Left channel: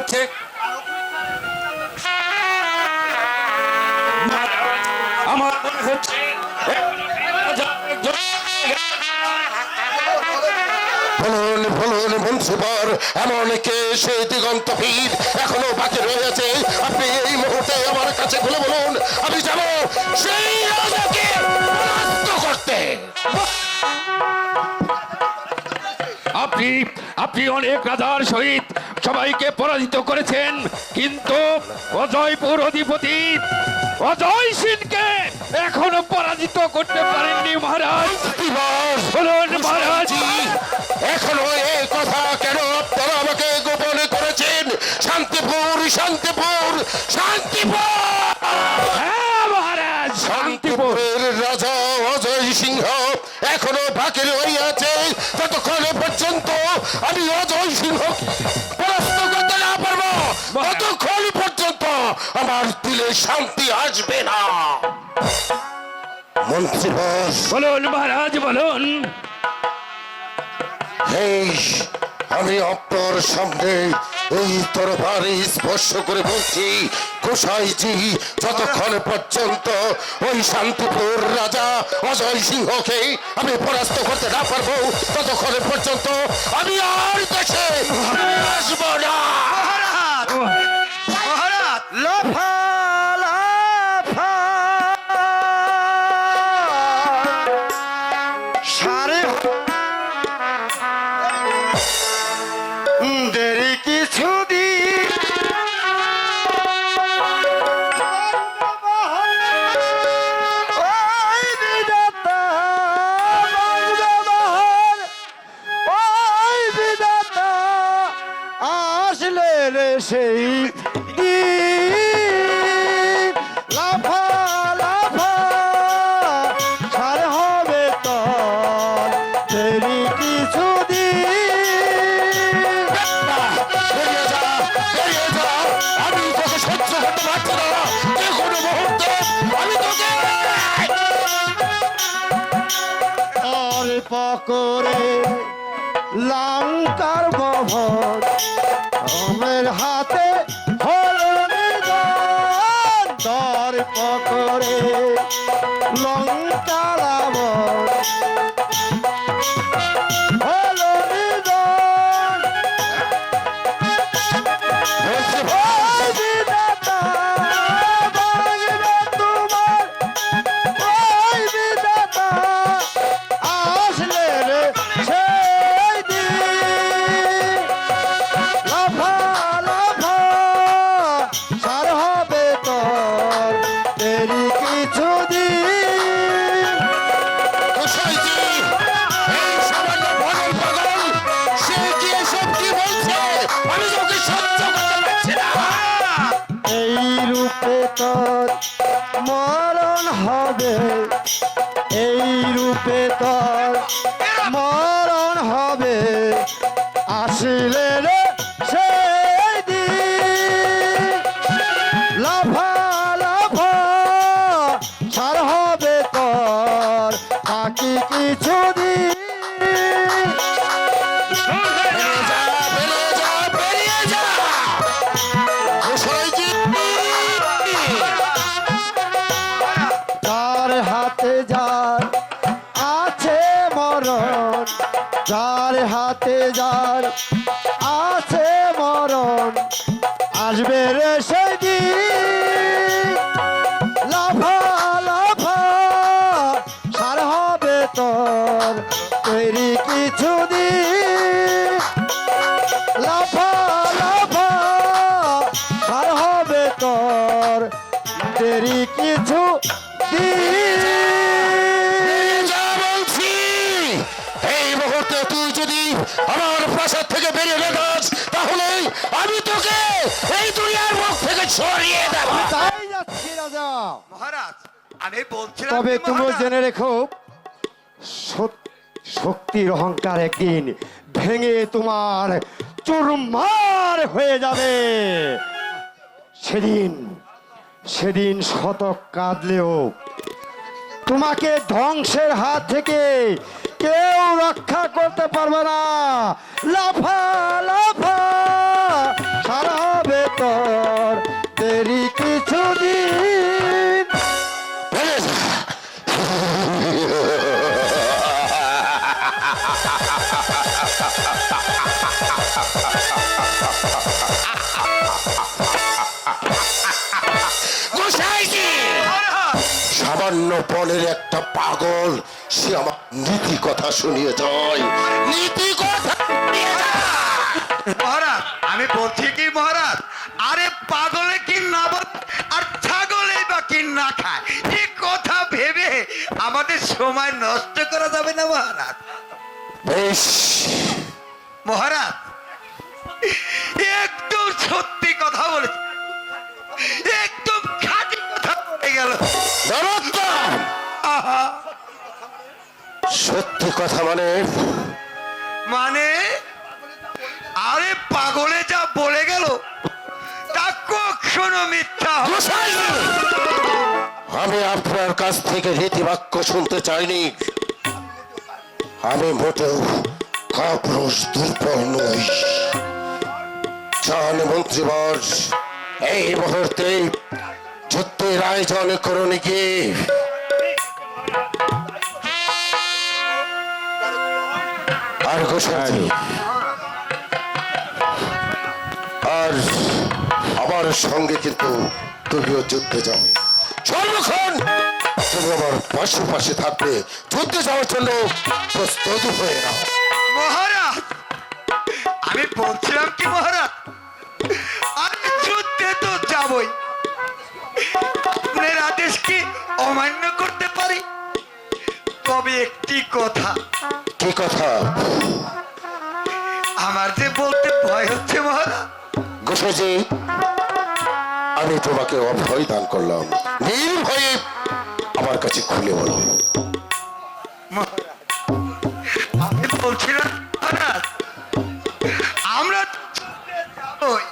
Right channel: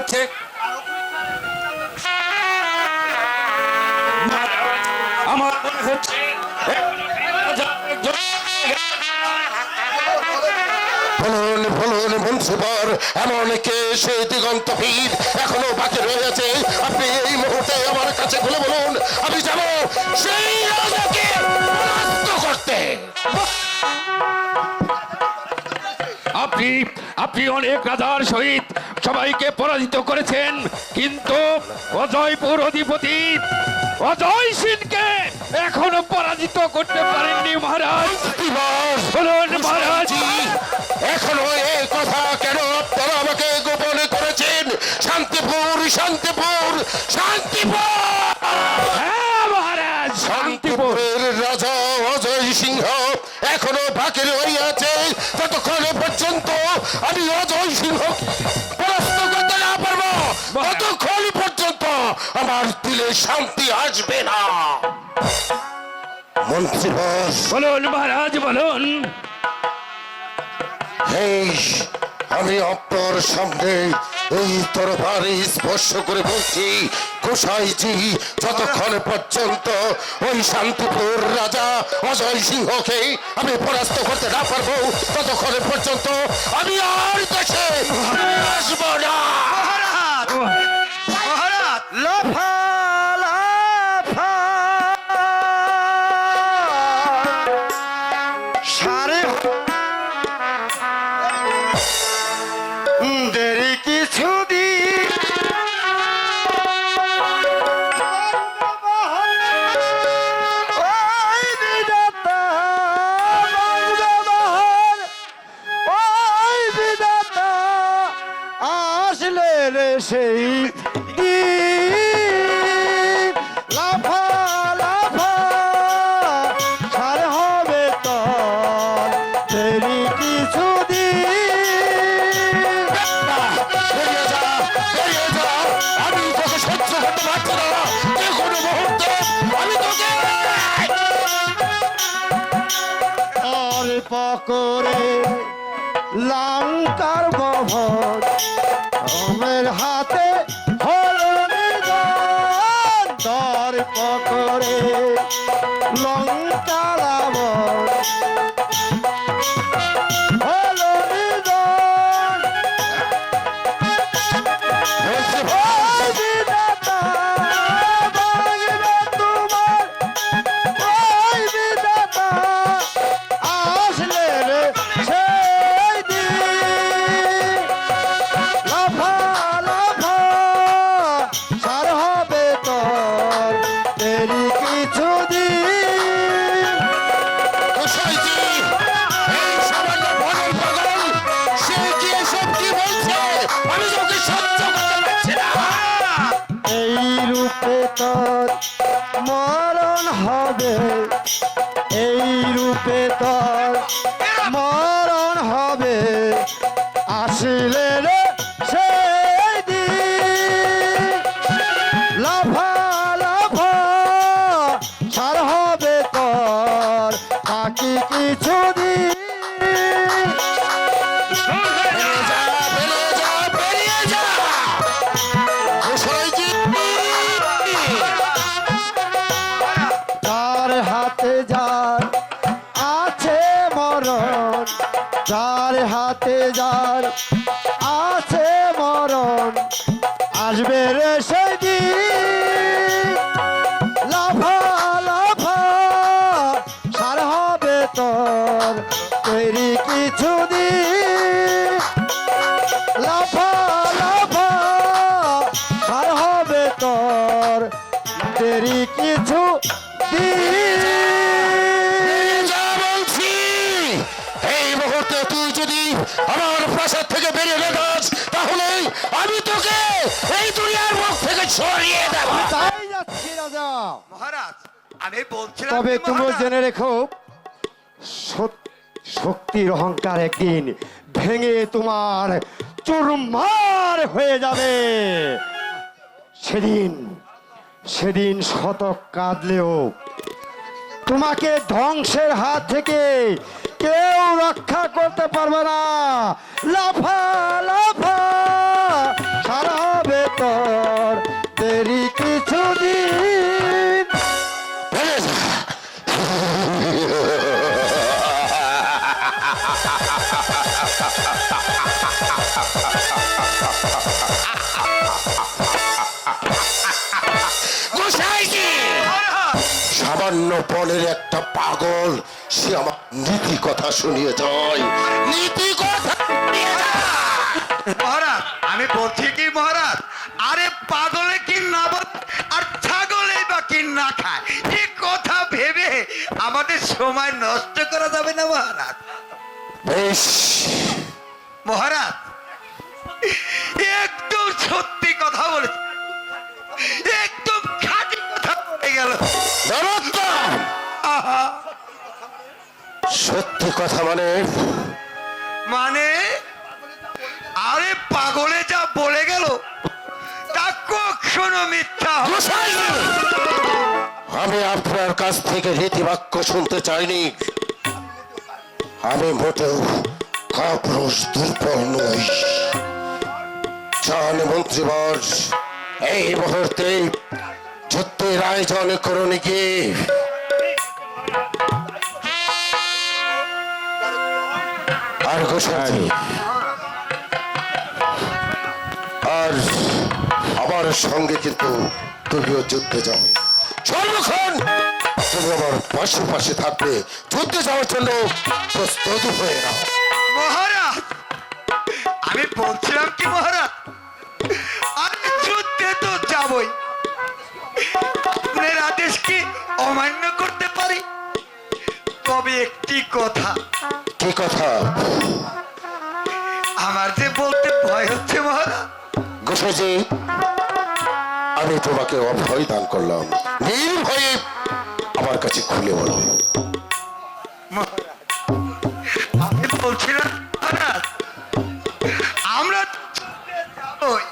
হচ্ছে আমার মনে হচ্ছে বলুন বলুন মুন্সিপাল, এমন কে সেই দিগন্তহীন এখনো বাকি রয়েছে? আপনি এই মুহূর্তে আমার কাছে খুলে বলুন, আমি যাব সেই রাজাকে পরাস্ত করতে। আপনি আপনি অনেক রাজার সহিত সবাইকে পরাজিত করেছেন, কিন্তু অজয়পুর অধিপতি অজয় সিংকে এখনো পরাজিত করতে পারেননি মহারাজ। বলুন মহারাজ, এখনো এই কথা কেন আপনারা আমাকে গোপন করেছেন? শান্তিপুর শান্তিপুর শান্তিপুর, হ্যাঁ মহারাজ, শান্তিপুর শান্তিপুরের রাজা অজয় সিংহ এখনো বাকি রইয়াছে। ততক্ষণ পর্যন্ত আমি অজয় সিংহ পরাস্ত করতে না পারবো, ততক্ষণ পর্যন্ত আমার দিলে শান্তি আসবে না। মন্ত্রী বস, বলুন মহারাজ, বলুন। আমি আপনার সামনে এই তরবারি স্পর্শ করে বলছি, গোসাইজি, যতক্ষণ পর্যন্ত ওই শান্তিপুর রাজা অজয় সিংহকে আমি পরাস্ত করতে না পারবো, ততক্ষণ পর্যন্ত আমি আর দেশে আসবো না। মহারাজ লাফা লাফা সারে দেরি কিছু দিন ওই বিধাতা ওই বিধাতা আসলে রে সেই দিন লাফা লাফা সার হবে তো দেরি কিছু বেরিয়ে যা, বেরিয়ে যা, আমি তোকে সহ্য করতে পারছি না। যে কোনো মুহূর্তে আমি তোকে আর পকরে লঙ্কার বহর আমার হাতে হলো নিধন, দর পকরে লঙ্কার আবর হলো নিধন। ওই বিধাতা ভাঙবে তোমার, ওই বিধাতা আসলে রে সেই দিন লাফা লাফা সার হবে তোর দেরি কিছু দিন। গোসাইজি, এই সামান্য ভগল পাগল, সে কি এসব কি বলছে? আমি তোকে সহ্য করতে পারছি না। এই রূপে তোর মরণ হবে, এই রূপে তোর মরণ হবে, আসলে রে সেই দিন লাফা লাফা সার হবে তোর বাকি কিছু দিন। বেরিয়ে যা, বেরিয়ে যা, বেরিয়ে যা। গোসাইজি, যার হাতে যার আছে মরণ, যার হাতে যার আছে মরণ, আসবে রে সেই দিন লাফা লাফা সার হবে তোর তৈরি কিছু দিন লাফা লাফা সার হবে তোর দেরি কিছু দিন। যা বলছি, এই মুহূর্তে তুই যদি আমার প্রাসাদ থেকে বেরিয়ে না যাস, তাহলে আমি তোকে এই দুনিয়ার মুখ থেকে সরিয়ে দেব। তাই যাচ্ছি রাজা। মহারাজ আমি বলছিলাম তবে কি তুমি মহারাজ? জেনে রেখো, শক্তির অহংকার একদিন ভেঙে তোমার চুরমার হয়ে যাবে। সেদিন সেদিন শতক কাঁদলেও তোমাকে ধ্বংসের হাত থেকে কেউ রক্ষা করতে পারবে না। লাফা লাফা সারাবে তোর দেরি কিছুদিন। ভেঙে যা। গোসাইজি, সামান্য বনের একটা পাগল সে আমার নীতি কথা শুনিয়ে যায়, নীতি কথা শুনিয়ে যায়। মহারাজ আমি বলছি কি মহারাজ, আরে পাগলে কি না বল আর ছাগলে বা কি না খায়, এ কথা ভেবে আমাদের সময় নষ্ট করা যাবে না মহারাজ। বেশ, মহারাজ একদম সত্যি কথা বলেছে, একদম খাঁটি কথা বলে গেল। নরোত্তম, আহা, সত্যি কথা মানে? মানে আরে পাগলে যা বলে গেল তা কখনো মিথ্যা হবে না। গোসাইজি, আমি আপনার কাছ থেকে রীতিবাক্য শুনতে চাইনি। আমি মোটেও কাপুরুষ দুর্বল নই। জান মন্ত্রীবর, এই মুহূর্তে যুদ্ধের আয়োজন করুন কি? আর গোসাইজি, আর আমার সঙ্গে কিন্তু তুমিও যুদ্ধে যাবে। সর্বক্ষণ তুমি আমার পাশে পাশে থাকবে, যুদ্ধে যাওয়ার জন্য প্রস্তুত হয়ে নাও। মহারাজ আমি বলছিলাম কি মহারাজ, আমি যুদ্ধে তো যাবই, আপনার আদেশ কি অমান্য করতে পারি? তবে একটি কথা, কি কথা? আমার যে বলতে ভয় হচ্ছে মহারাজ। গোসাইজি, আমি তোমাকে অভয় দান করলাম, নির্ভয়ে আমার কাছে খুলে বলো। মহারাজ, আমি বলছিলাম মহারাজ, আমরা যাবই,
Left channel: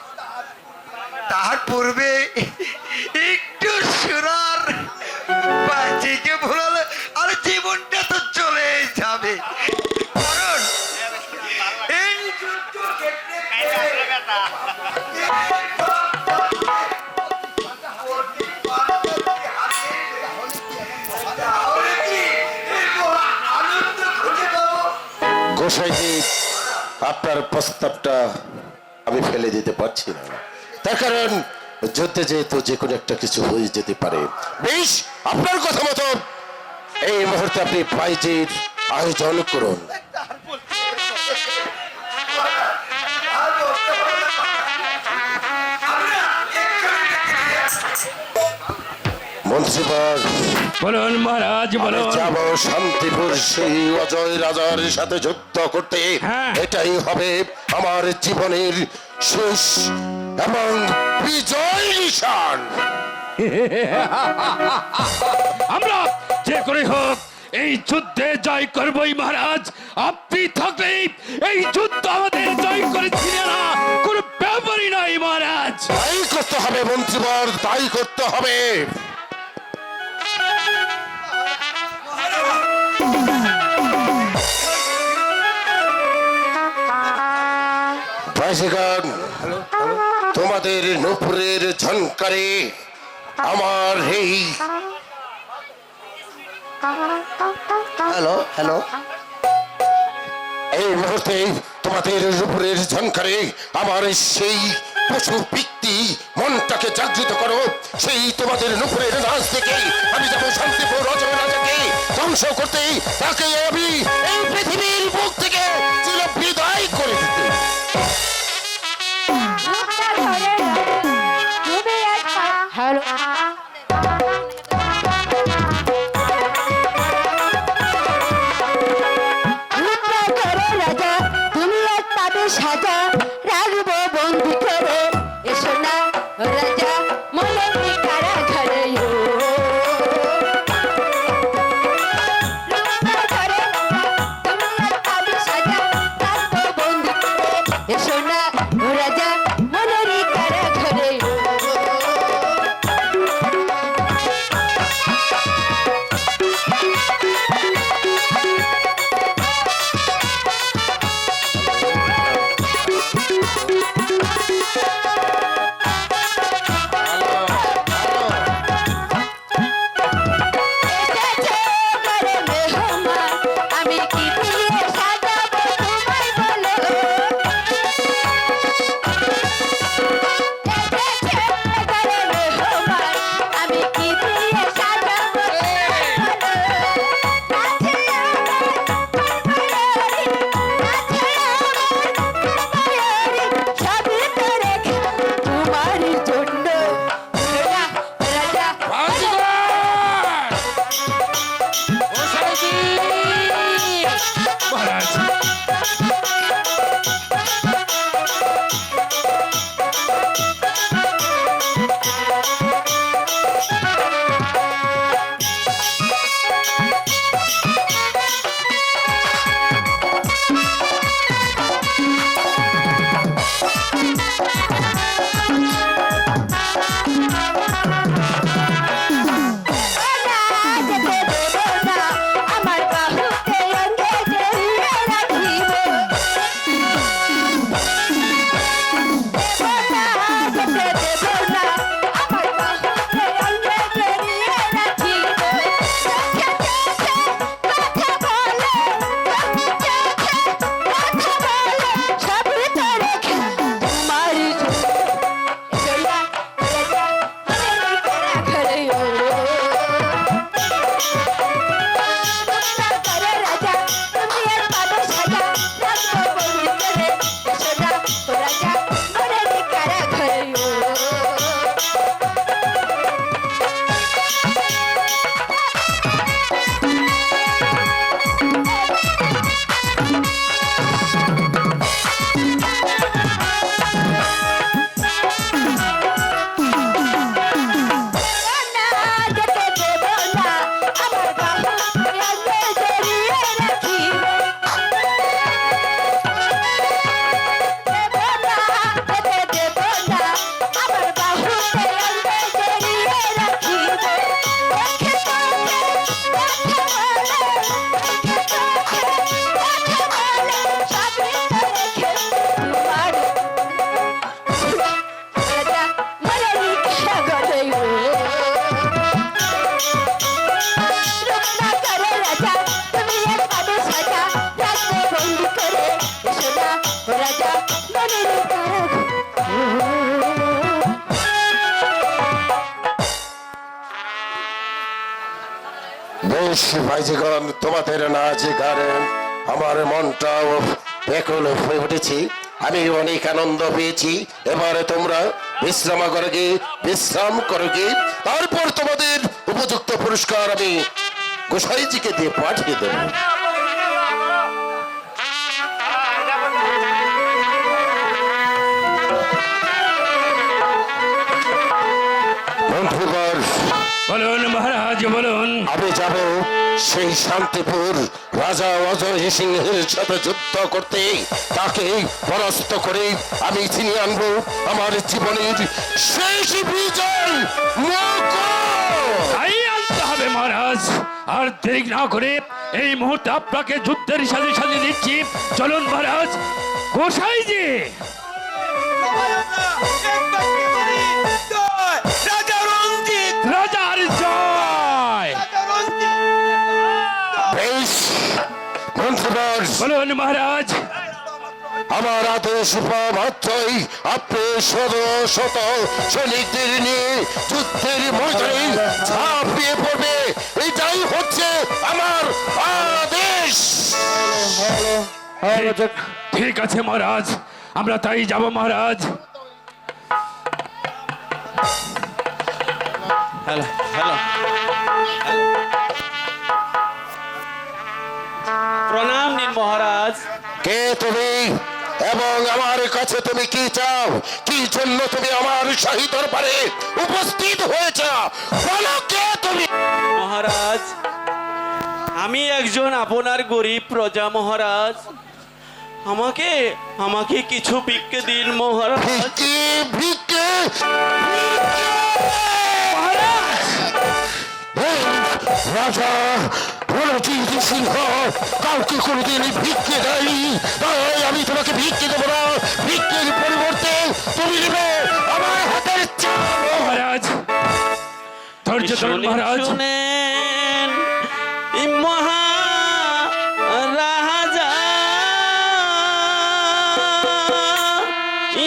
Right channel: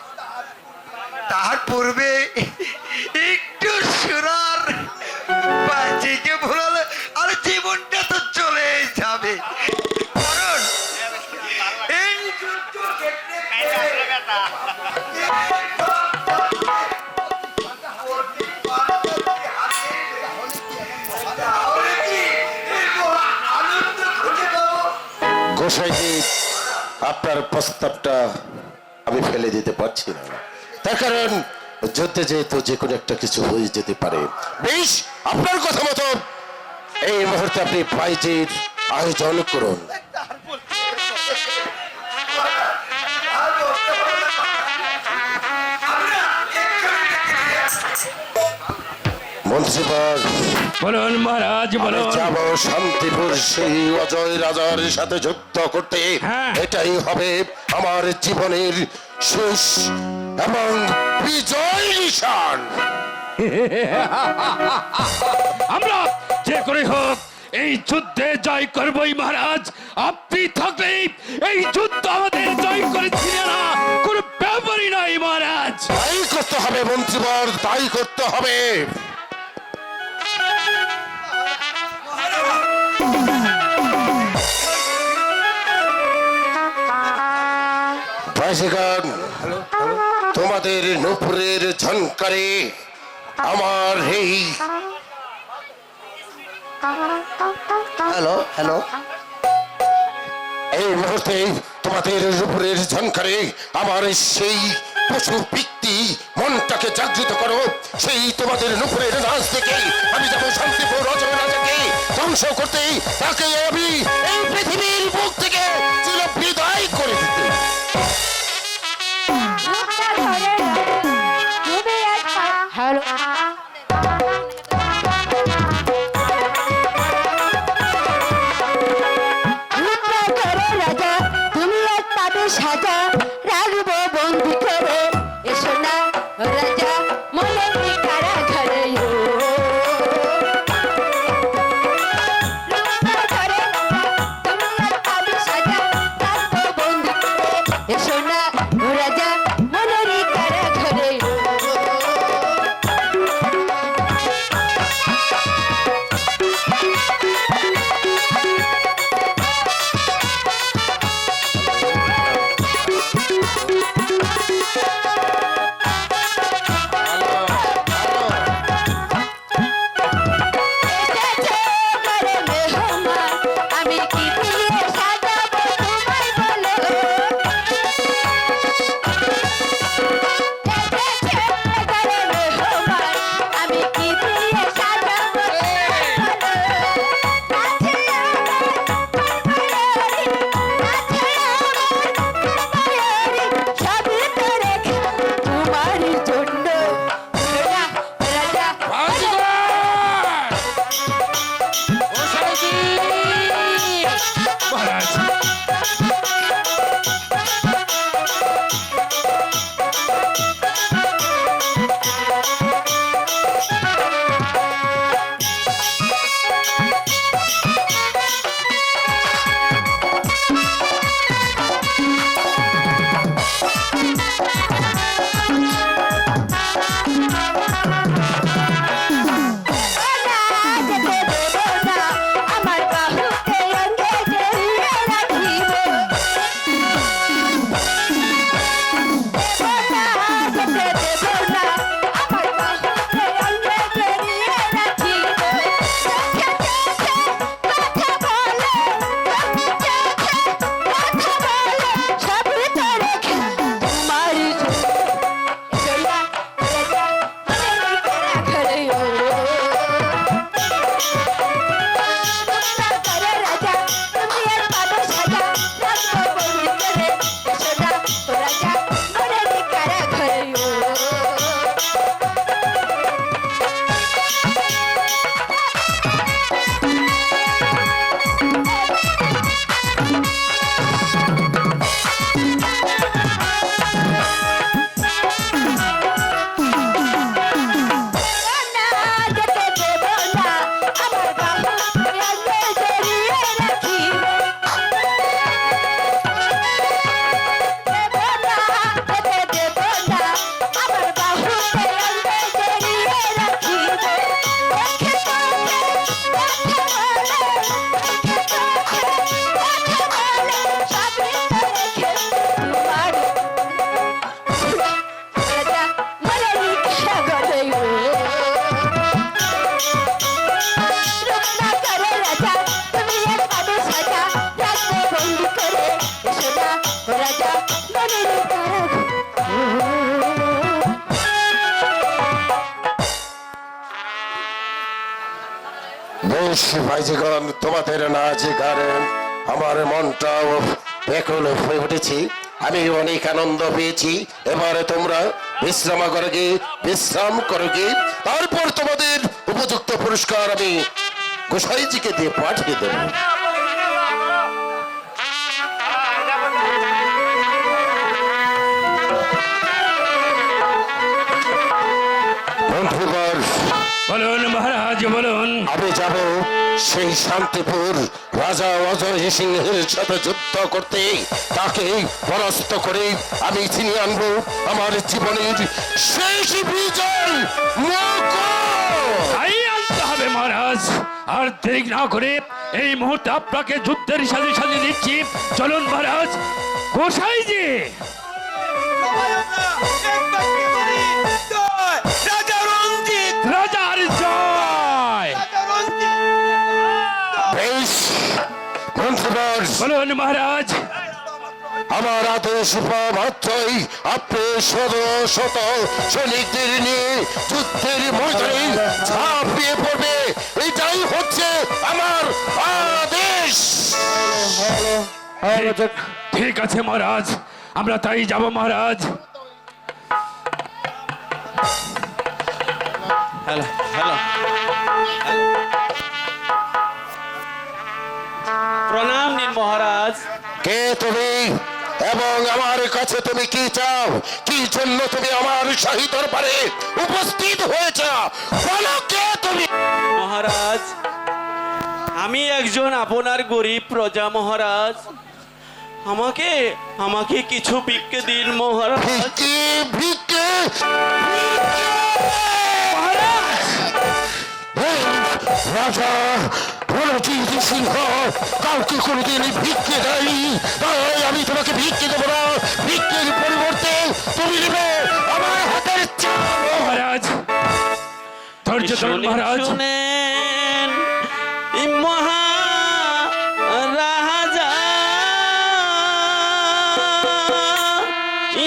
তার পূর্বে একটু সুরার বাজিকে ভুলালে আর জীবনটা তো চলে যাবে। কারণ এই যুদ্ধ গোসাইজি, আপনার প্রস্তাবটা আমি ফেলে দিতে পারছি না, তার কারণ যুদ্ধে যেহেতু যে কোনো একটা কিছু হয়ে যেতে পারে। বেশ, আপনার কথা মতো এই মুহূর্তে আপনি প্রাইজের আয়োজন করুন। মন্ত্রীবর, বলুন মহারাজ, আমি বলুন। যাব শান্তিপুর সেই অজয় রাজার সাথে যুদ্ধ করতে। হ্যাঁ। এটাই হবে আমার জীবনের শেষ এবং বিজয় নিশান। আমরা যে করে হোক এই যুদ্ধে জয় করবই মহারাজ। আপনি থাকলেই এই যুদ্ধ আমাদের জয় করেছিল না, কোনো ব্যাপারই নাই মহারাজ। তাই করতে হবে মন্ত্রীবর, তাই করতে হবে। ভাইসিগণ, তোমাদের নুপুরের ঝনকারে আমার এই এই মুহূর্তে তোমাদের উপরের ঝনকারে আমার সেই পশু পিক্তি মনটাকে জাগৃত করো। সেই তোমাদের নুপুরের নাচ থেকে আমি যাবো শান্তিপুর অজয় রাজাকে ধ্বংস করতে, তাকে আমি এই পৃথিবীর বুক থেকে চির বিদায় করে দিতে। হ্যালো রাজা, তুমি এক পাবে সাজা, রাখবো বন্দি করে, এসো না রাজা মনের কারা ঘরে। এসো না রাজা মনের কারা ঘরে। গোসাইজি মহারাজ আমার বাহুকে অঙ্গে জড়িয়ে রাখিব বেশ ভাইজিগণ, তোমাদের নাচ গানে আমার মনটাও ব্যাকুল হয়ে উঠেছি। আমি অনেক আনন্দ পেয়েছি। এবারে তোমরা বিশ্রাম করোগে, তারপর তোমাদের উপযুক্ত পুরস্কার আমি গোসাইজিকে দিয়ে পাঠিয়ে দেবো। বন্ধুগণ, বলুন মহারাজ বলুন। আমি যাব সেই শান্তিপুর রাজা অজয় সিংহের সাথে যুদ্ধ করতে। তাকে পরাস্ত করে আমি ছিনিয়ে আনবো আমার জীবনের শেষ বিজয়। তাই আনতে হবে মহারাজ। আর দেরি না করে এই মুহূর্তে আপনাকে যুদ্ধের সাথে সাথে দিচ্ছি। চলুন মহারাজ। গোসাইজি রাজার জয়। বেশ বন্ধুগণ, বলুন মহারাজ। আমার আদেশ পাওয়া মাত্রই আপনি শত শত সৈনিকদের নিয়ে যুদ্ধের ময়দানে ঝাঁপিয়ে পড়বে। এটাই হচ্ছে আমার আদেশ। ঠিক আছে মহারাজ, আমরা তাই যাব মহারাজ। হ্যালো হ্যালো প্রণাম নিন মহারাজ। কে তুমি এবং আমার কাছে তুমি কি চাও? কি জন্য তুমি আমার শাহী দরবারে উপস্থিত হয়েছ? বলো, কে তুমি? মহারাজ, আমি একজন আপনার গরিব প্রজা মহারাজ। আমাকে আমাকে কিছু ভিক্ষে দিন মহারাজ। ভিক্ষে ভিক্ষে এই রাজা রণজিৎ সিংহ কাউকে কোনোদিন ভিক্ষে দেয়নি, তাই আমি তোমাকে ভিক্ষে দেবো না। ভিক্ষের পরিবর্তে তুমি নেবে আমার হাতের চাল। মহারাজ ধৈর্য ধরুন মহারাজ। শুনেন এই মহা রাজা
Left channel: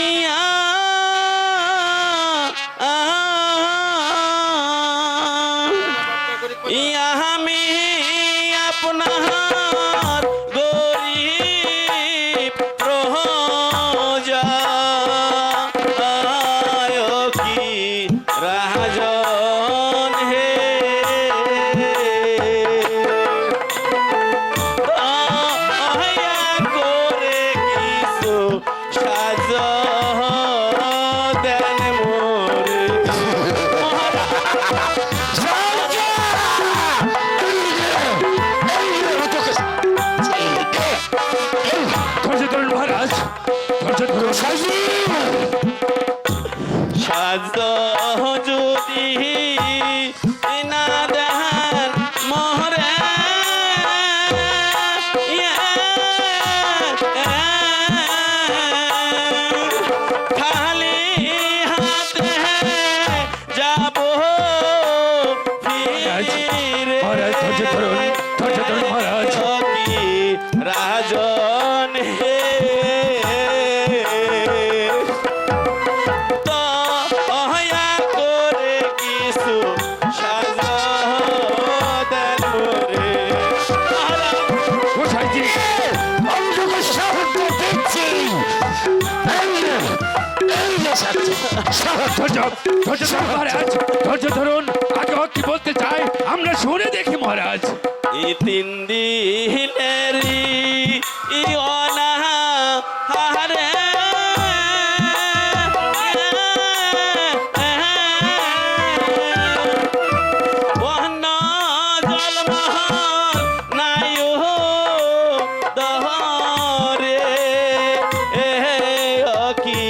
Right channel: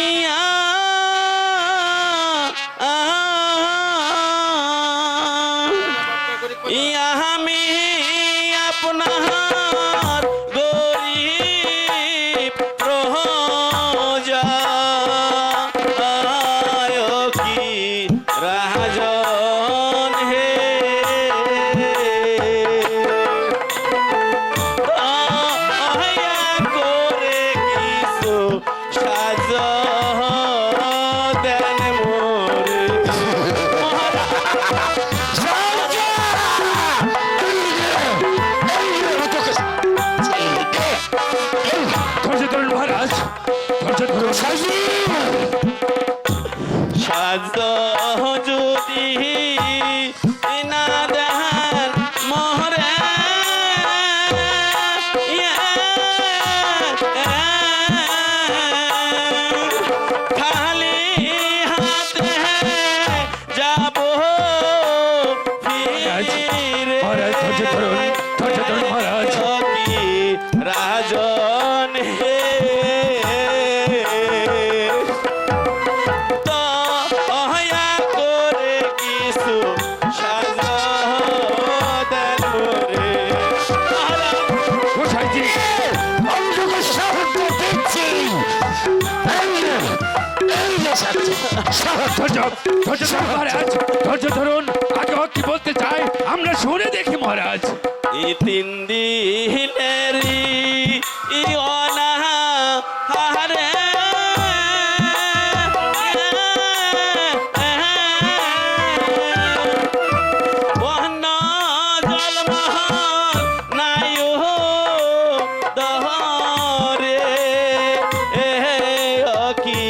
ইয়া ইয়া আমি আপনার গরিব প্রজা কি রাজন হে মহারাজ ধৈর্য ধরুন মহারাজ। কি রাজন হে তো অহয়া করে কিছু সাজদেন রে মহারাজ। গোসাইজি আমি তোকে সাহায্য দিচ্ছি। এই যে সাহায্য ধৈর্য ধরুন মহারাজ, ধৈর্য ধরুন। আগে ও কি বলতে চাই আমরা শুনে দেখি মহারাজ। এই 3 দিনেরই অনাহারে বহন জলমহল নাইও দহরে কি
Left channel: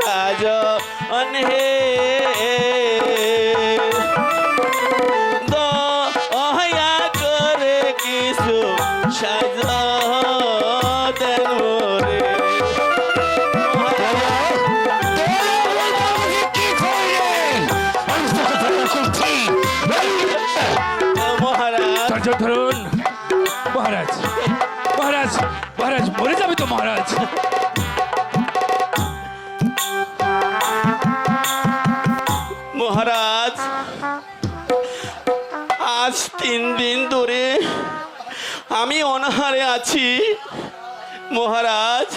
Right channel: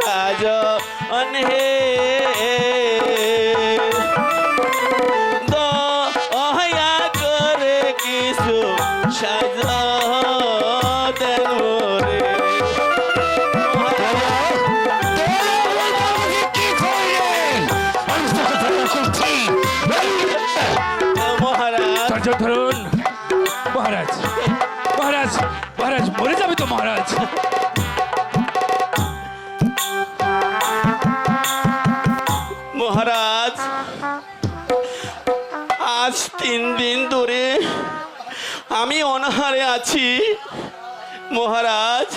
রাজন হে দয়া করে কিছু সাজদেন রে কি করলেন? আমি তোকে দয়া করছি। মহারাজ। ধৈর্য ধরুন মহারাজ। মহারাজ মহারাজ মরে যাবে তো মহারাজ। মহারাজ আজ 3 দিন ধরে আমি অনাহারে আছি মহারাজ।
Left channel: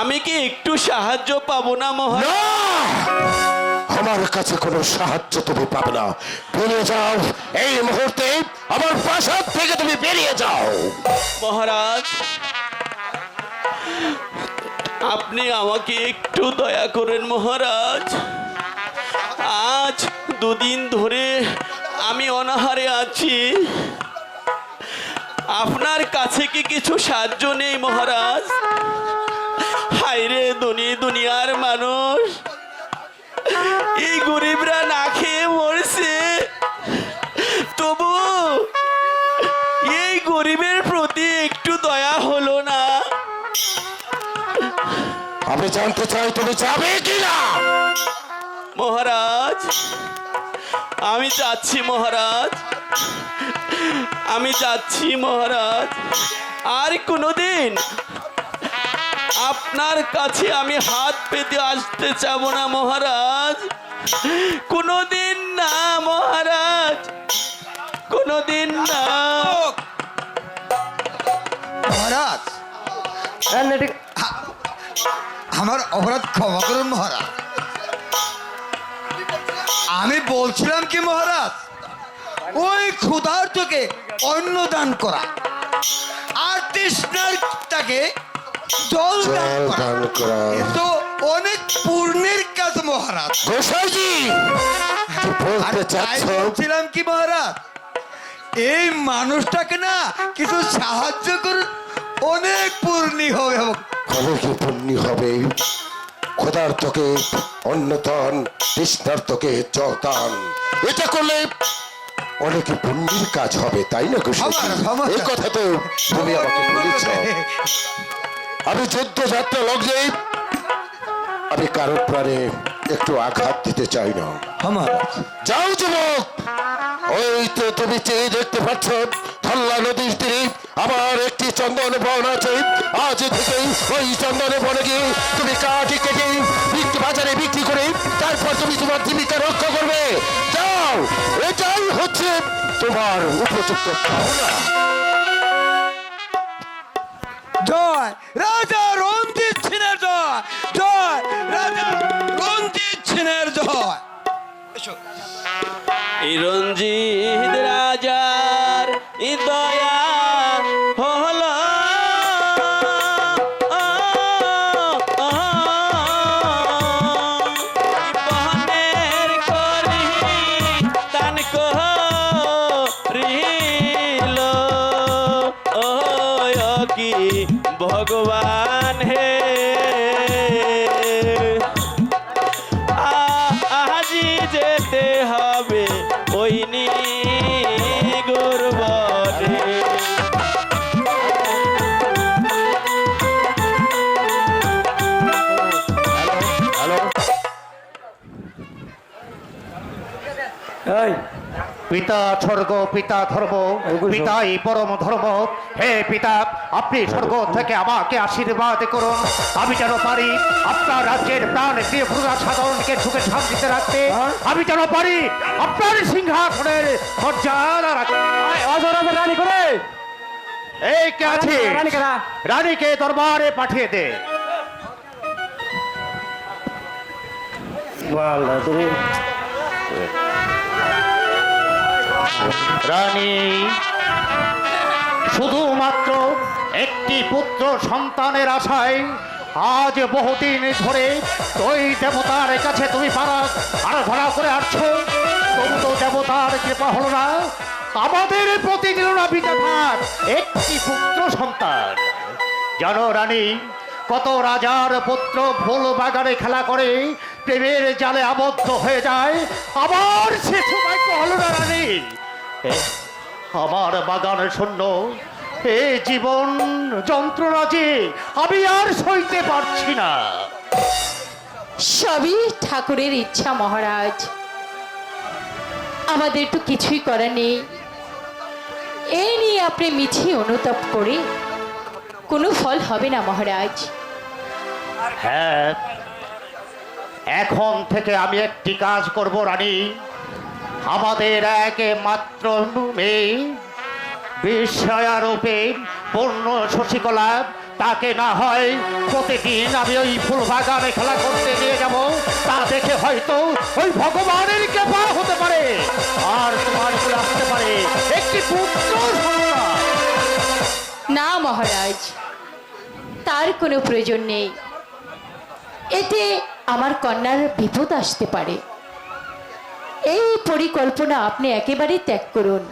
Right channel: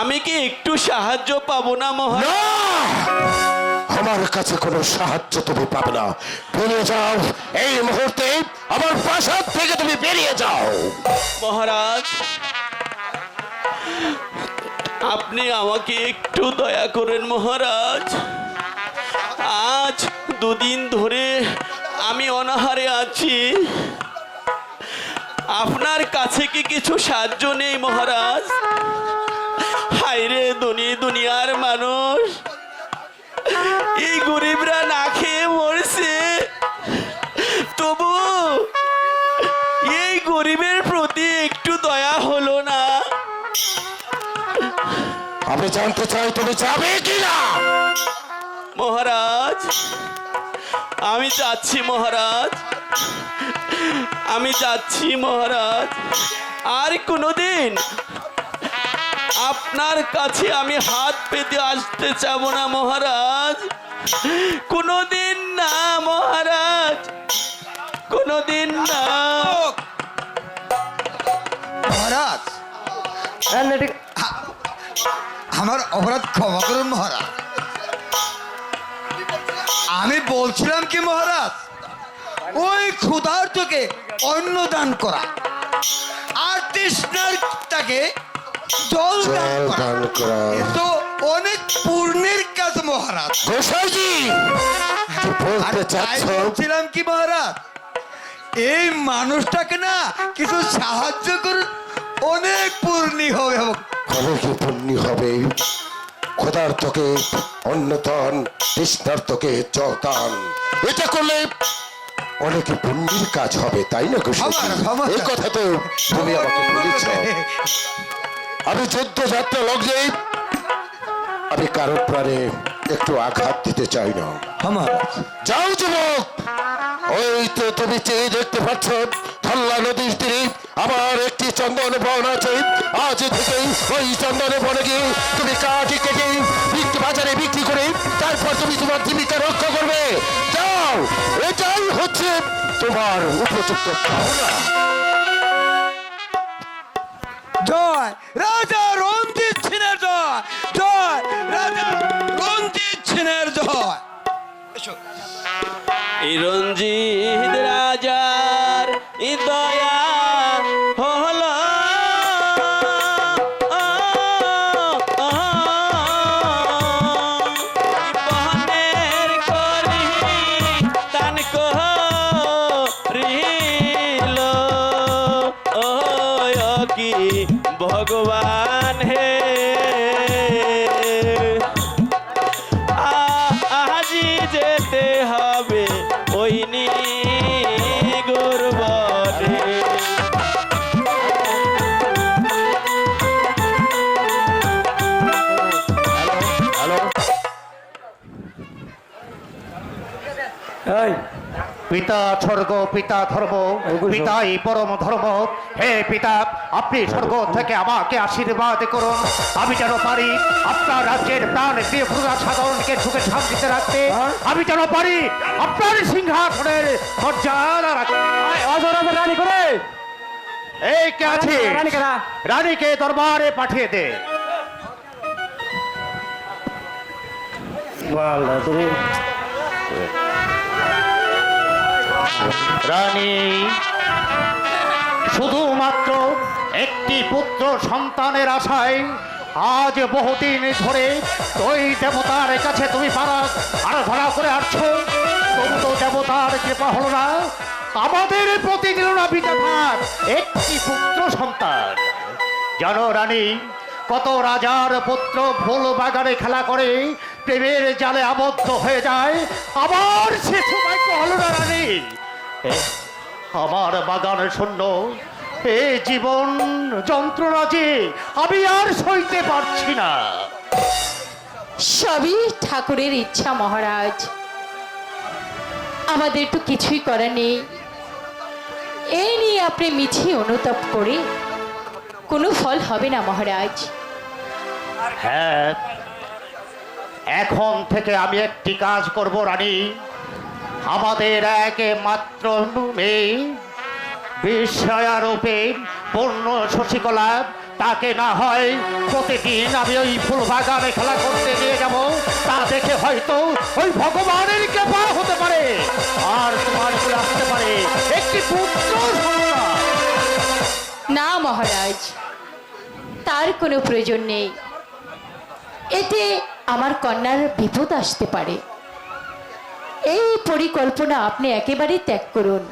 আমি কি একটু সাহায্য পাবো না মহারাজ? না, আমার কাছে কোনো সাহায্য তুমি পাবে না। বেরিয়ে যাও এই মুহূর্তে, আমার প্রাসাদ থেকে তুমি বেরিয়ে যাও। মহারাজ আপনি আমাকে একটু দয়া করেন মহারাজ। আজ 2 দিন ধরে আমি অনাহারে আছি। আপনার কাছে কি কিছু সাহায্য নেই মহারাজ? হায়রে দুনিয়ার মানুষ, এই গরিবরা না খেয়ে মরছে, তবু এই গরিবের প্রতি একটু দয়া হলো না। আমি জানতে চাই তুমি যাবে কিনা। মহারাজ আমি যাচ্ছি মহারাজ, আমি যাচ্ছি মহারাজ। আর কোনোদিন আপনার কাছে আমি হাত পেতে আসতে চাবো না মহারাজ, কোনোদিন না মহারাজ, কোনোদিন না। মহারাজ আমার অপরাধ ক্ষমা করুন মহারাজ। আমি বলছিলাম কি মহারাজ, ওই ক্ষুধার্তকে অন্ন দান করা আর তৃষ্ণার তাকে জল দান জল করা দান করা এ তো অনেক পুণ্যের কাজ মহারাজ। গোসাইজি কি আর বলতে তাই চাচ্ছ? বলছিলাম কি মহারাজ, এই মানুষটাকে না কিছু সাহায্য করুন, অনেক পূর্ণি হবে। কবে কি পুণ্যি হবে? ক্ষুধার্তকে অন্নদান, তৃষ্ণার্তকে জল দান, এটা করলে অনেক পুণ্যের কাজ হবে, তাই না গোসাইজি? আমার। এই কথা তো তুমি আমাকে বলেছ। আমি যুদ্ধযাত্রা লগ্নে আমি কারোর প্রাণে একটু আঘাত দিতে চাই না। যাও যুবক, ওই তো তুমি চেয়ে দেখতে পাচ্ছ ধল্লা নদীর তীরে আমার একটি চন্দন বন আছে। আজ থেকেই ওই চন্দন বনে গিয়ে তুমি কাঠি কেটে বাজারে বিক্রি করে তারপর তুমি তোমার জীবিকা রক্ষা করবে। যাও, এটাই হচ্ছে তোমার উপযুক্ত পাওনা। জয় রাজা রঞ্জিত সিনের জয়, জয় রাজা রঞ্জিত সিনের জয়। এই রঞ্জিত রাজার দয়া হলো বহনের করি দান করিল কি ভগবান হে আজি যেতে হবে ওই গুরবনে। এই পিতা স্বর্গ পিতা ধর্ম পিতাই পরম ধর্ম। হে পিতা, আপনি স্বর্গ থেকে আমাকে আশীর্বাদ করুন, আমি যেন পারি আপনার রাজ্যের প্রাণ প্রিয় প্রজা সাধারণকে সুখে শান্তিতে রাখতে, আমি যেন পারি আপনার সিংহাসনের মর্যাদা রাখতে। রানী করে এই কে আছে? রানী কেনা রানীকে দরবারে পাঠিয়ে দে। রানী, শুধুমাত্র একটি পুত্র সন্তানের আশায় আজ বহুদিন ধরে ওই দেবতার কাছে তুমি আরাধনা করে আসছো, তবু তো দেবতার কৃপা হলো না, আমাদের প্রতি দিল না বিধাতার একটি পুত্র সন্তান। জানো রানী, কত রাজার পুত্র ফুল বাগানে খেলা করে প্রেমের জালে আবদ্ধ হয়ে যায়, আবার সে সৌভাগ্য হলো না রানী। আমার বাগান শূন্য, এ জীবন যন্ত্রণা যে আমি আর সইতে পারছি না। সবই ঠাকুরের ইচ্ছা মহারাজ, আমাদের তো কিছুই করার নেই। এই নিয়ে আপনি মিছি অনুতাপ করে কোনো ফল হবে না মহারাজ। হ্যাঁ, এখন থেকে আমি একটি কাজ করব রানী। আমাদের একমাত্র মেয়ে বিস্ময়ারূপে পূর্ণ শশীকলা, তাকে না হয় প্রতিদিন আমি ওই ফুল বাগানে খেলা করতে নিয়ে যাব, তা দেখে হয়তো ওই ভগবানের কৃপা হতে পারে, আর তোমার চলে আসতে পারে একটি পুত্র সন্তান। না মহারাজ, তার কোনো প্রয়োজন নেই, এতে আমার কন্যার বিপদ আসতে পারে। এই পরিকল্পনা আপনি একেবারেই ত্যাগ করুন।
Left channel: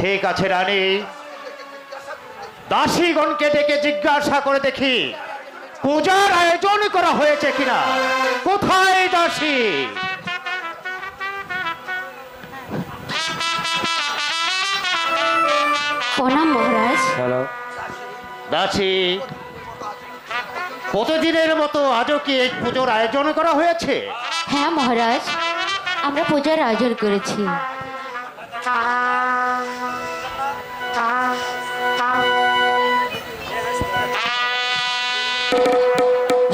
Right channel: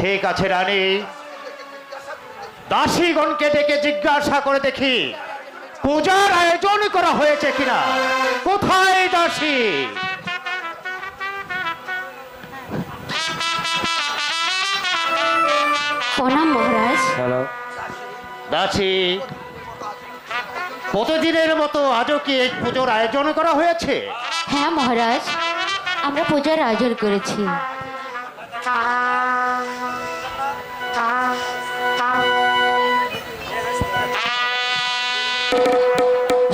ঠিক আছে রানী, দাসীগণকে ডেকে জিজ্ঞাসা করে দেখি পূজার আয়োজন করা হয়েছে কিনা। কোথায় দাসী? প্রণাম মহারাজ। দাসী, প্রতিদিনের মতো আজও কি এই পুজোর আয়োজন করা হয়েছে? হ্যাঁ মহারাজ, আমরা পূজার আয়োজন করেছি।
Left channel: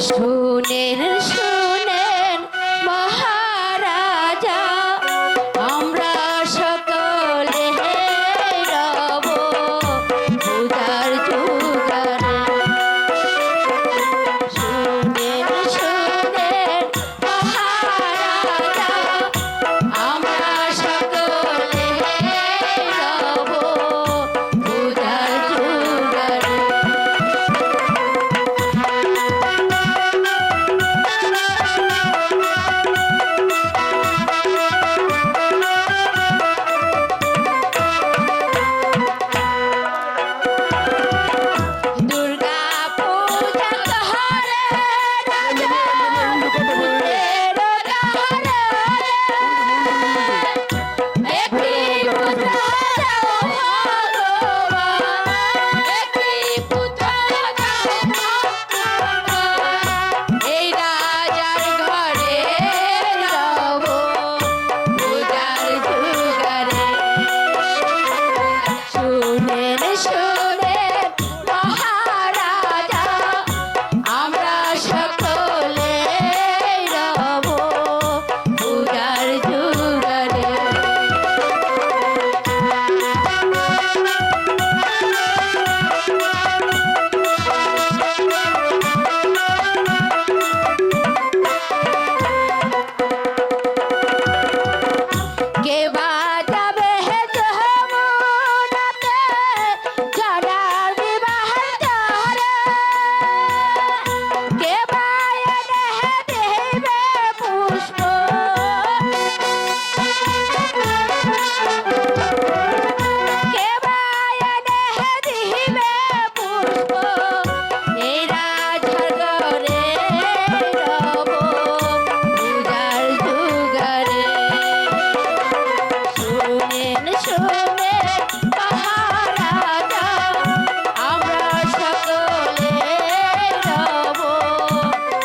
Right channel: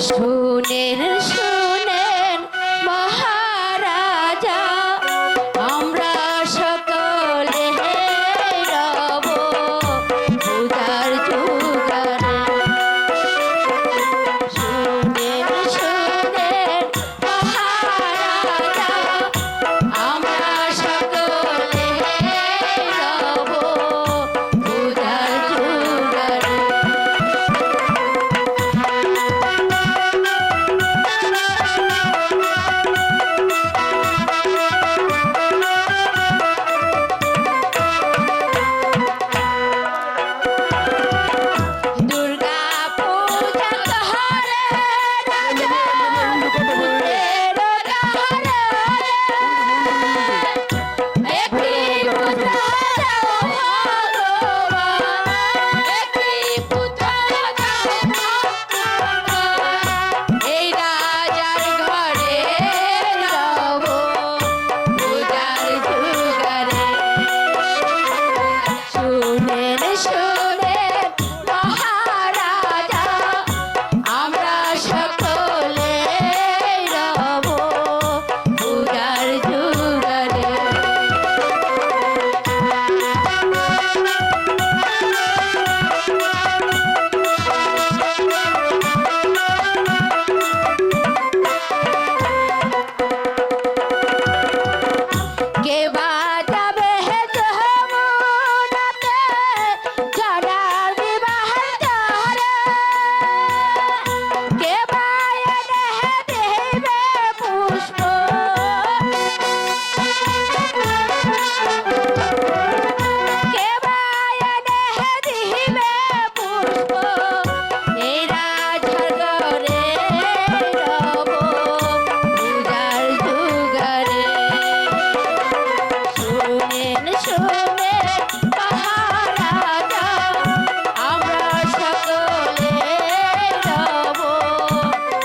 শুনেন শুনেন মহারাজা, আমরা সকলে রব পূজার জোগাড়ে। শুনেন শুনেন মহারাজা, আমরা সকলে রব পূজার জোগাড়ে। দুর্গা পূজা করে রাজা ভূতের গারে, একটি পুত্র দাও ভগবান, একটি পুত্র দাও ভগবান, এই রাজার ঘরে রব পূজার জোগাড়ে। শুনেন শুনেন মহারাজা, আমরা সকলে রব পূজার জোগাড়ে। কে বাজাবে হে যমুনাতে জড়ার বিবাহের জরে, কে বায়নে হে দেবে পুষ্প, কে বায়নে হে দিবে পুষ্প, এই রাজার ঘরে রব পূজার জোগাড়ে। শুনেন শুনেন মহারাজা, আমরা সকলে রব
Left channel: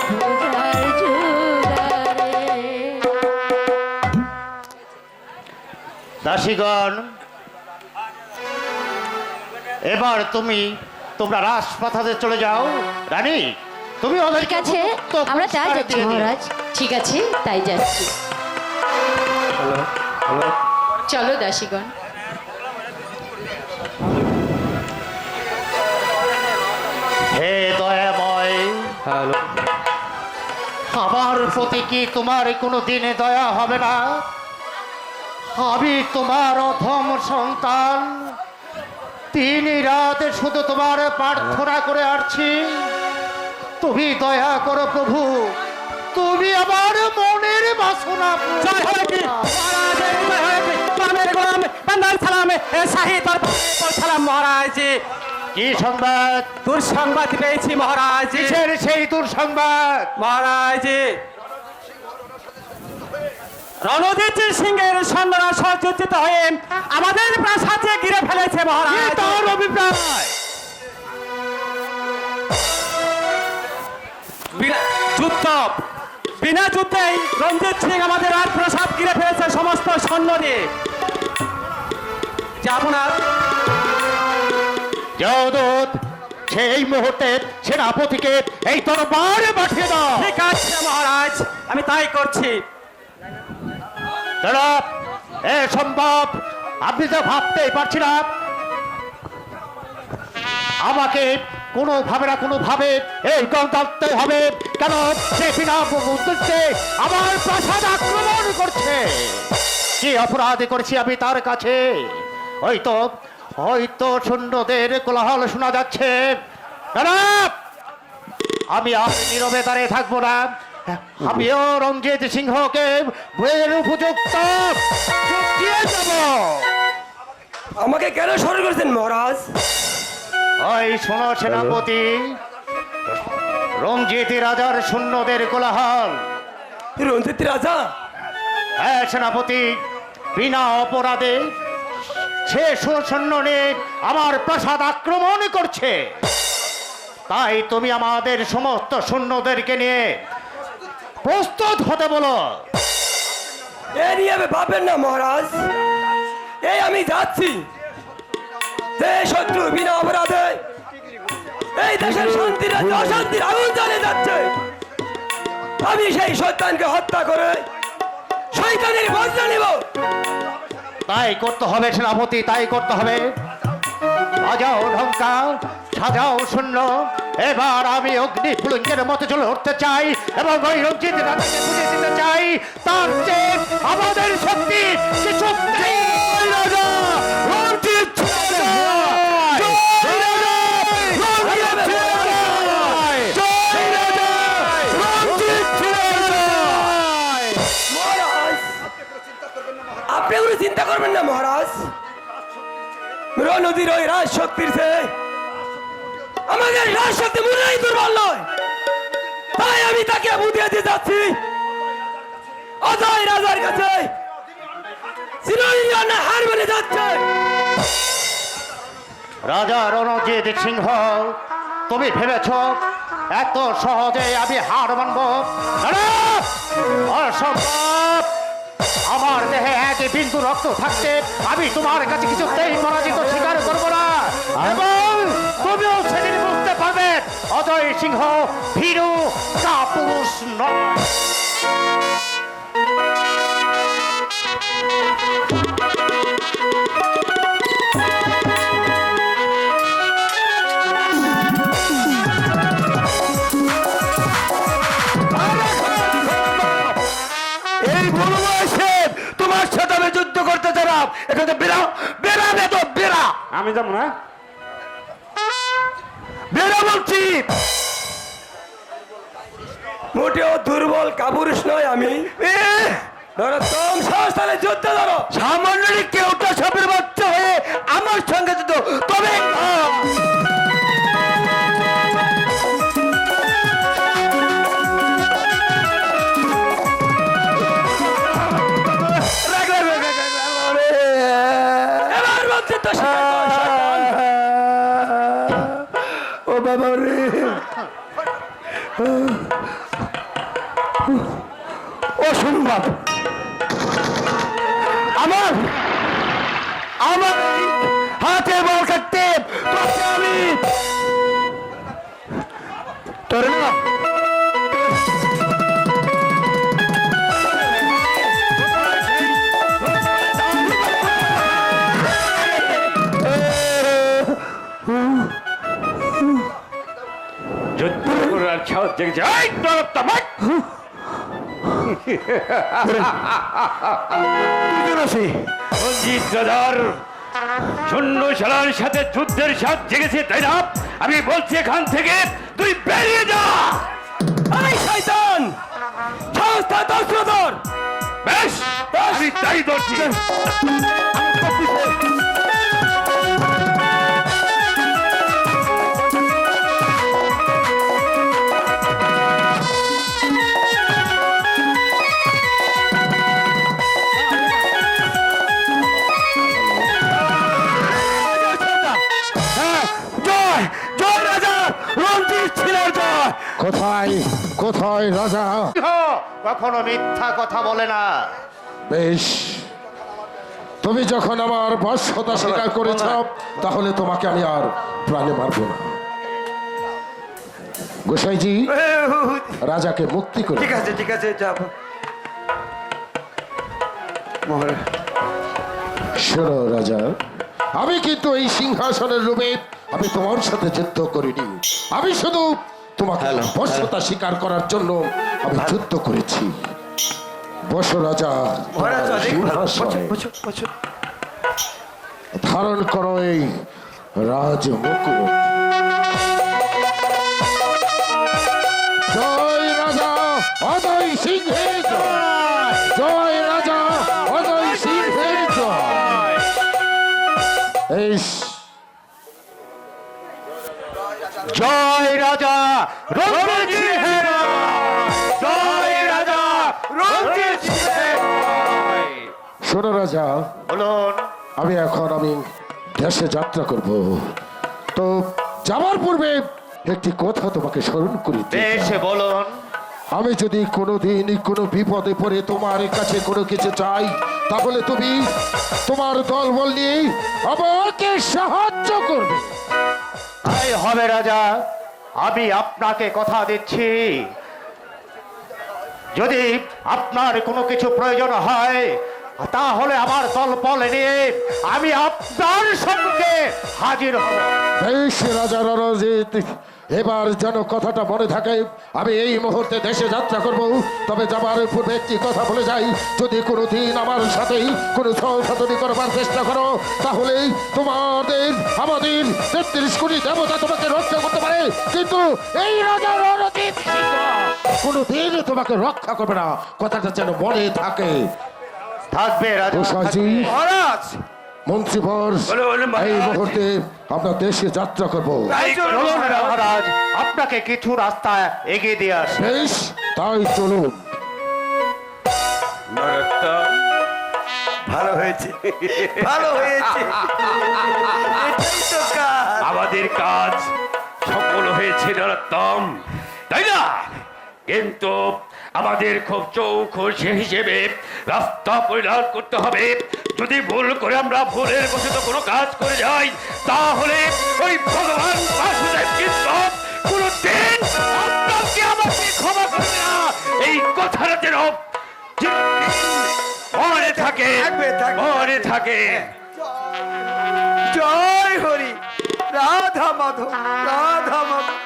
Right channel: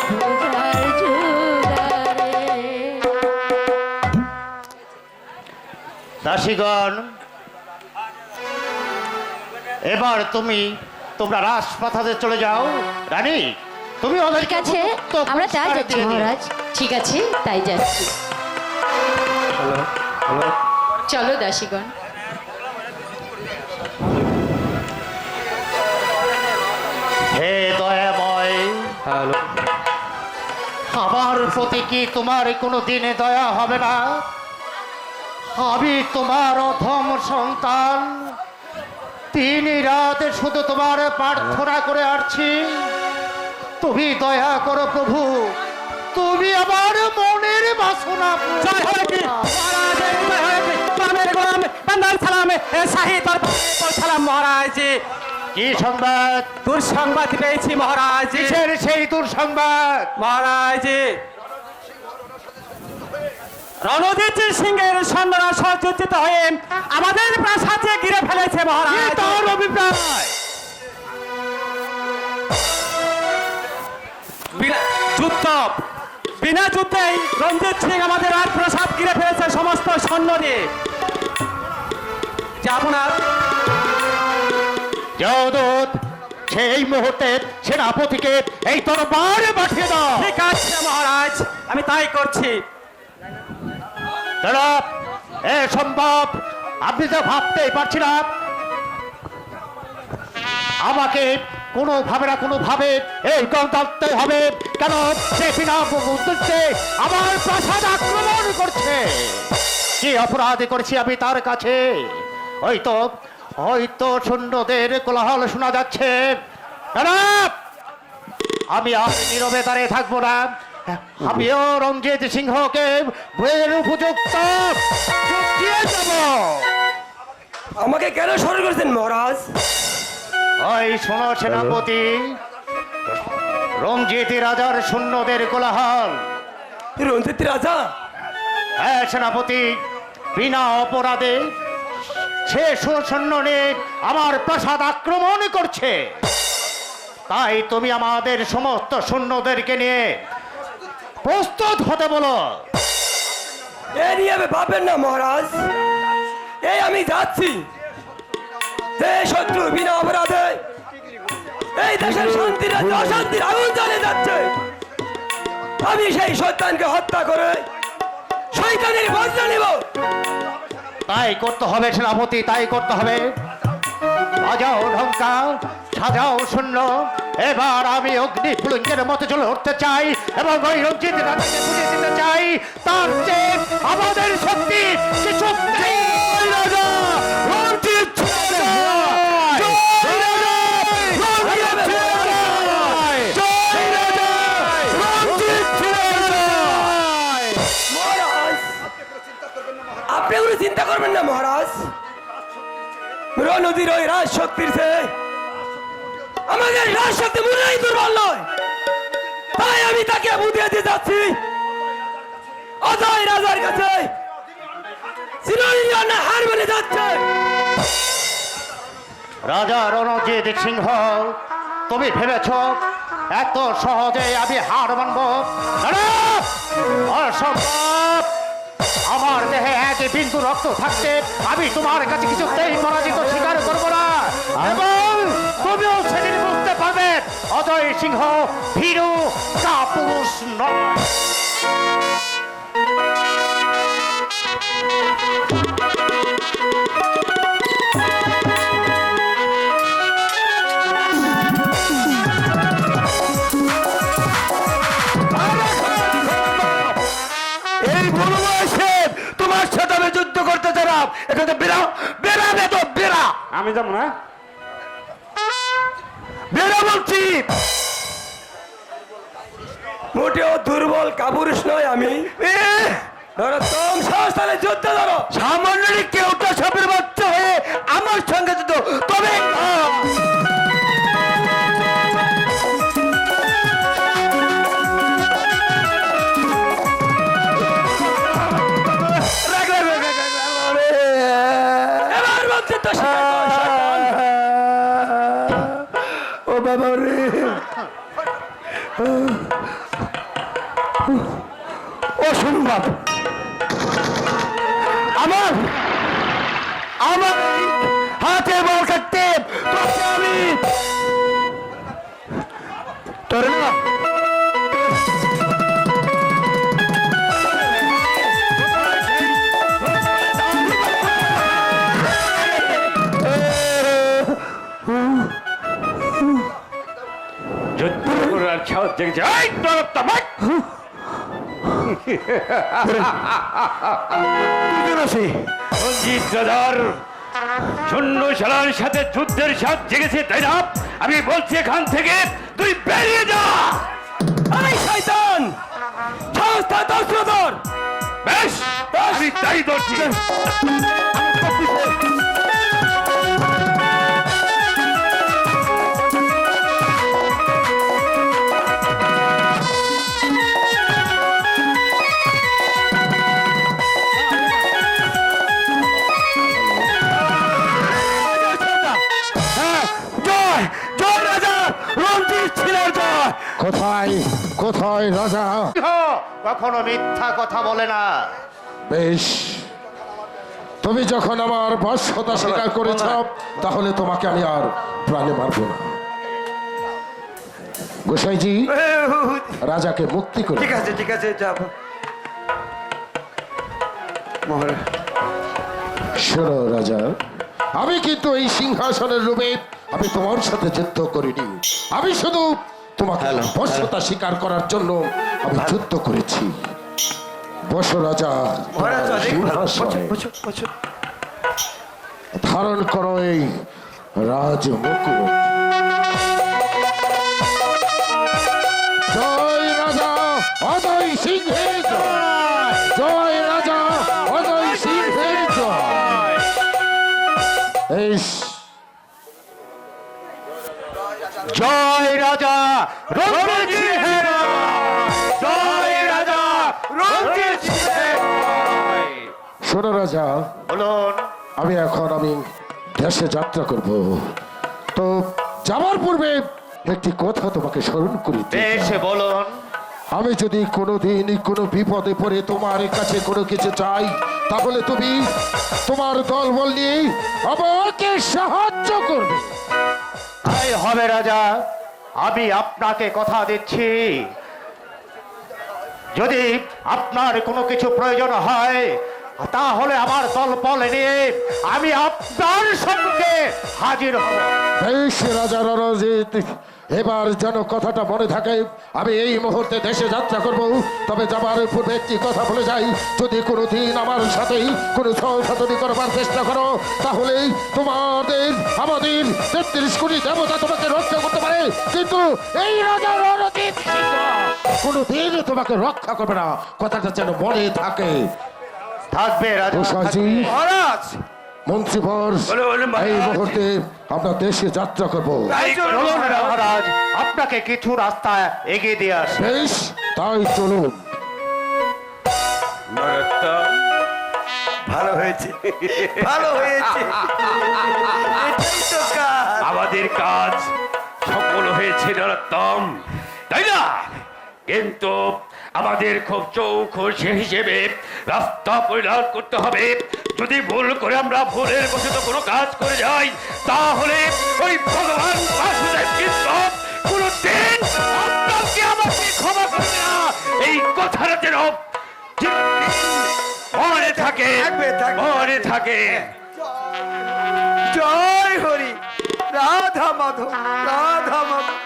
পূজার জোগাড়ে। দাসীগণ, এবার তোমরা রাজপ্রাসাদে চলে যাও। রানী, তুমি ওদের ঠিক আছে, আমরা তাই যাচ্ছি মহারাজ। ঠিক আছে, তাই যাচ্ছি। চলো দাসীগণ। হে দয়াময়, আমার প্রতি কি তোমার কোনো দিনে দয়া হবে না? আমি তোমার অধম সন্তান, দিন রাত শুধু তোমার প্রার্থনা করে আসছি, তুমি দয়া করো প্রভু, তুমি আমার মনের বাসনা জয় হয়ে কি মহারাজ, জয় হয়ে কি গোলামের গোলাম বান্দার সালামে শাহী দরবারে পৌঁছালাম মহারাজ। কি সংবাদ? দুঃসংবাদ পেয়েছি মহারাজ। কিসের সেই দুঃসংবাদ? মহারাজ, রণজিৎ সিংহের সৈন্যরা সজ্জিত হয়ে আমাদের প্রাসাদে ঘিরে ফেলেছে মহারাজ। তার অভিপ্রায় বিনা যুদ্ধেই রণজিৎ সিং আমাদের রাজপ্রাসাদ ঘিরে ফেলেছে সমস্ত সৈন্য দিয়ে। যে আপনার জগদূত, সেই মুহূর্তে সেনাপতিকে এই তরবারে পাঠিয়ে দাও। ঠিক আছে মহারাজ, আমি তাই করছি। দাঁড়া, এ সম্ভব আপনি তো ভাবতেই পারছি না। আমাকে কোনোভাবে এই গণতন্ত্র হবে কেন? সে বিনা উদ্দেশ্যে আমার প্রাসাদ আক্রমণ করছে। কি অপরাধ করেছি আমি তার কাছে? হয়তো সৈন্যদের কোলাহল শোনা যাচ্ছে। দাঁড়া, আমি আর নীরবে দাঁড়িয়ে থাকবো না। আমিও রঞ্জিত সিংহকে বইয়ের উপযুক্ত দিয়ে যাব। আমাকে কেন স্মরণ করেছেন মহারাজ? ওই শোনো সেনাপতি, রঞ্জিত রাজার সৈন্যদের কোলাহল। রঞ্জিত রাজা? হ্যাঁ সেনাপতি, বিনা অপরাধে সে সৈন্য নিয়ে আমার প্রাসাদ আক্রমণ করছে। তাই তুমি আমাদের সমস্ত সৈন্যদেরকে নিয়ে প্রস্তুত হতে বলো। এ নিয়ে ভাববেন না মহারাজ, এই আমি যাচ্ছি। যে শত্রু বিনা অপরাধে এই দেশের শান্তির অশান্তির আগুন জ্বালে যাচ্ছে, আমি সেই শয়তানকে হত্যা করে শয়তানের বদলা নেব। তাই করতে হবে সেনাপতি, তাই করতে হবে। বাজাও ঢঙ্কা, সাজাও শূন্য। এবার আমি অগ্নি ফুলঙ্কের মতো চলে উঠতে চাই এবং ওই রঞ্জিত রাজাকে বুঝিয়ে দিতে চাই তার চেয়ে আমাদের শক্তি কিছু নেই। রাজা রঞ্জিত রাজা, জয় রাজা, রঞ্জিত রাজা, জয় রাজা, রঞ্জিত রাজা। মহারাজ, আপনি কোনো চিন্তা করবেন না মহারাজ। নদীর ওই রাজ শক্তির চেয়ে আমাদের রাজ শক্তি মনেই দুর্বল নয়। তাই আমি তাকে বুঝিয়ে দিয়ে যাচ্ছি, অজয় রাজার কাছে চিরনির্জন হার মেনে যাচ্ছে। রাজা রণজিৎ সিংহ, তুমি ভেবেছ এত সহজে আমি হার মানব? অসম্ভব। আমার দেহে এক বিন্দু রক্ত থাকতে আমি তোমার কাছে কিছুতেই পরাজিত স্বীকার করব না। এবং তুমিও সেদিন বুঝতে পারবে অজয় সিংহ ভীরু কাপুরুষ নয়। এই বুড়ো বয়সে তোমার সাথে আমি যুদ্ধ করতে চালাম, এটা তো বেরা বেরা তো বেরা। আমি যাবো না, বেরা বলছি। মোটেও দুর্বল কাপুরুষ নয় আমি। ধরো তোম সাহস তাহলে যুদ্ধ ধরো। সামান্য কেউটা সাপের বাচ্চা হয়ে আমার সঙ্গে যুদ্ধ, তবে এবার বলছি তো ও বাবা রে, অসম্ভব। আমার এই হাতে বল কাটতে তোকে আমি তোর না যুদ্ধ করার সাহস জেগেছে এই নরোত্তম রঞ্জিত রাজার শূন্য সেনার সাথে যুদ্ধের সাথ জেগেছে তাই না? আমি বলছি এখান থেকে তুই বেরিয়ে যা। এই শয়তান সংস্থা দর্শকর বেশ আমি তাই ধরছি। জয় জয় রাজা রঞ্জিত ছিলেন জয়। কোথায় কোথায় রাজা? কখনো মিথ্যা কথা বলে না। বেশ, তুমি যখন আমার বশ্যতা স্বীকার করেছ তাহলে তোমাকে আমি আর প্রাণে মারব না। গোসাইজি রাজাকে মুক্তি করে ঠিক আছে যাব। মহারাজ শোনো রাজা, আমি কিন্তু এই সিংহাসনের রূপে আমি তোমার সাথে যুদ্ধ করিনি। আমি শুধু তোমাকে বশ্যতা স্বীকার করার জন্য আমি যুদ্ধ করেছি। বসো রাজা, মহারাজ তোমার অনেক ভালো। সিংহাসনে বসো। ধারণ করো এই রাজমুকুট। জয় রাজা অজয় সিংহের জয়, জয় রাজা অজয় সিংহের জয়। এই জয় রাজা রঞ্জিত সিংহের জয় রাজা রঞ্জিত সিংহের শোনো রাজা, বলুন। আমি দেশে যাত্রা করব, তো যাওয়ার পূর্বে একটি কথা তোমাকে স্মরণ করিতে বেশ বলুন। আমি যদি কোনোদিন কোনো বিপদে পড়ে তোমার কাছে কোনো কিছু চাই তাহলে তুমি তোমার দলবল নিয়ে আমাকে সাহায্য করবে। তাই হবে রাজা, আমি আপনাকে কথা দিচ্ছি। যদি আপনার কোনো কিছু প্রয়োজন হয় তাহলে আমার দলবল নিয়ে আমি আপনার সঙ্গে হাজির হব। বেশ রাজা রণজিৎ, এবার যেন কথাটা মনে থাকে। আমি এই মুহূর্তে দেশে যাত্রা করব, তবে যাবার পূর্বে একটি কথা বলে যাই, যদি কোনোদিন আমার সাথেই কোনো সহসাধনী করবার চেষ্টা করো তাহলে আমাদের ৩৩ কোটি দেবতা তোমাকে রক্ষা করতে পারে, কিন্তু এই রাজা রণজিৎ সিংহ কোনোদিন তোমাকে রক্ষা করবে না। কথাটা যেন মনে থাকে। থাকবে রাজা। গোসাইজি, মহারাজ মন্ত্রীবর, এই মুহূর্তে আমরা দেশে যাত্রা করব। চলুন মহারাজ, আপনাকে কিছু রাস্তা এগিয়ে দিয়ে আসি। বেশ, তাই চলুন। নরোত্তম ভালো হয়েছে ভালো হয়েছে এটাই তো কাজ। আমাদের কাজ সফল হয়েছে নরোত্তম, তাই না? কিন্তু আমাদের খুব চৌখুশি হিসেবে রাস্তা পরিহার করতে হবে। যদি ভুল করে আমরা ভুলের বশত কোনো কাজ করে যাই তাহলে ওই ভগবান বাসুদেব কিন্তু কোনোদিন আপনাকে আমাকে ক্ষমা করবে না। এই কথাটা যেন মনে থাকে, মনে থাকে। জয় হরি রাধা মাধব রাধা মাধব।